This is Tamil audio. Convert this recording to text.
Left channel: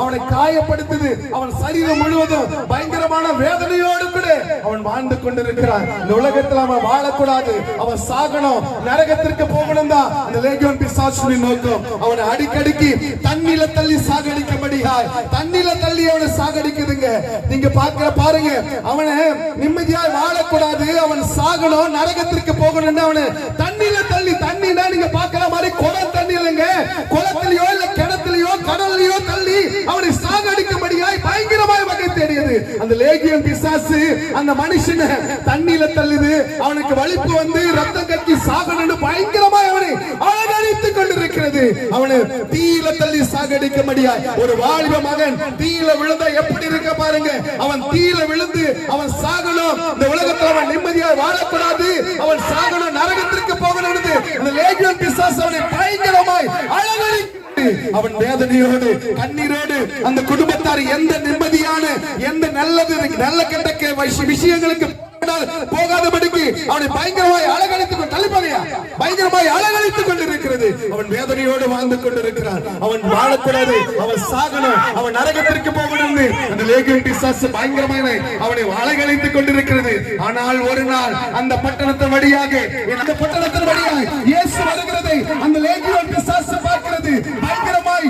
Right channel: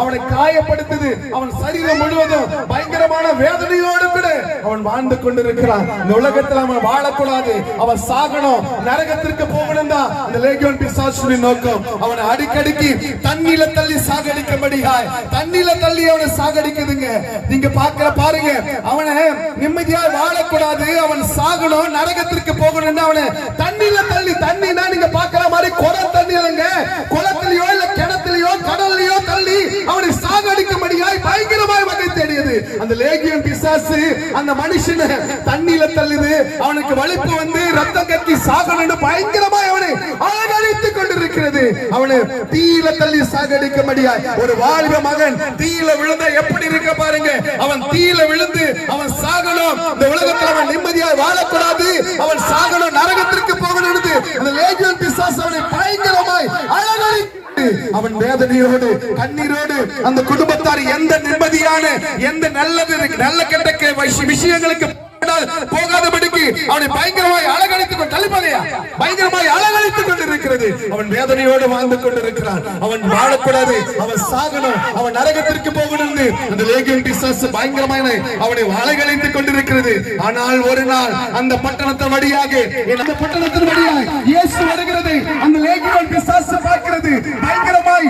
அவனை காயப்படுத்தது. அவன் சரீரம் முழுவதும் பயங்கரமான வேதனையோடு கூட அவன் வாழ்ந்து கொண்டிருக்கிறான். இந்த உலகத்தில் அவன் வாழக்கூடாது, அவன் சாகணும், நரகத்திற்கு போகணும் தான் இந்த லேகியோன் பிசாசுவின் நோக்கம். அவனை அடிக்கடிக்கு தண்ணில தள்ளி சாகடிக்கும்படியாய் தண்ணில தள்ளி அவனை சாகடிக்குதுங்க. நீங்க பாருங்க, அவனை நிம்மதியா வாழக்கூடாது, அவன் சாகணும், நரகத்திற்கு போகணும், அவனை தண்ணில தள்ளி, தண்ணினா நீங்க பாக்குற மாதிரி குளம் தண்ணி இல்லைங்க, குளத்திலேயோ இல்ல கிணத்திலேயோ கடல்லையோ தள்ளி அவனை சாகடிக்கும்படியாய் பயங்கரமாய் வகை தேடியது. அந்த லேகியோன் பிசாசு அந்த மனுஷனை தண்ணில தள்ளுது, அவனுக்கு வலிப்பு வந்து ரத்தம் கட்டி சாகணும்னு பயங்கரமாய் அவனை அலங்கரித்துக் கொண்டிருக்கிறது. அவனை தீயில தள்ளி சாகடிக்கும்படியாய் ஒரு வாலிப மகன் தீயில விழுந்தா எப்படி இருக்க பாருங்க. அவன் தீயில விழுந்து அவன் சாகணும், இந்த உலகத்தில் அவன் நிம்மதியாக வாழக்கூடாது, அவன் சாகணும், நரகத்திற்கு போகணும். அந்த லேகியோன் பிசாசு அவனை பயங்கரமாய் அலங்கரித்து அவன் வேதனையோடு கண்ணீரோடு அந்த குடும்பத்தார் எந்த நிம்மதியான எந்த நல்ல கெட்ட விஷயங்களுக்கு போகாதபடிக்கு அவனை பயங்கரமாய் அலங்கரித்துக் கொண்டிருக்கிறது. அவன் வேதனையோடு வாழ்ந்து கொண்டிருக்கிறான். அவன் வாழக்கூடாது, அவன் சாகணும், அவன் நரகத்திற்கு போகணும். அந்த லேகியோன் பிசாசு பயங்கரமான அவனை அலங்கரித்துக் கொண்டிருக்கிறது. ஆனால் ஒரு நாள் அந்த பட்டணத்தின் வழியாக இயேசு வருகிறதை அந்த லேகியோன் பிசாசு பார்க்கிறது. பயங்கரமாய்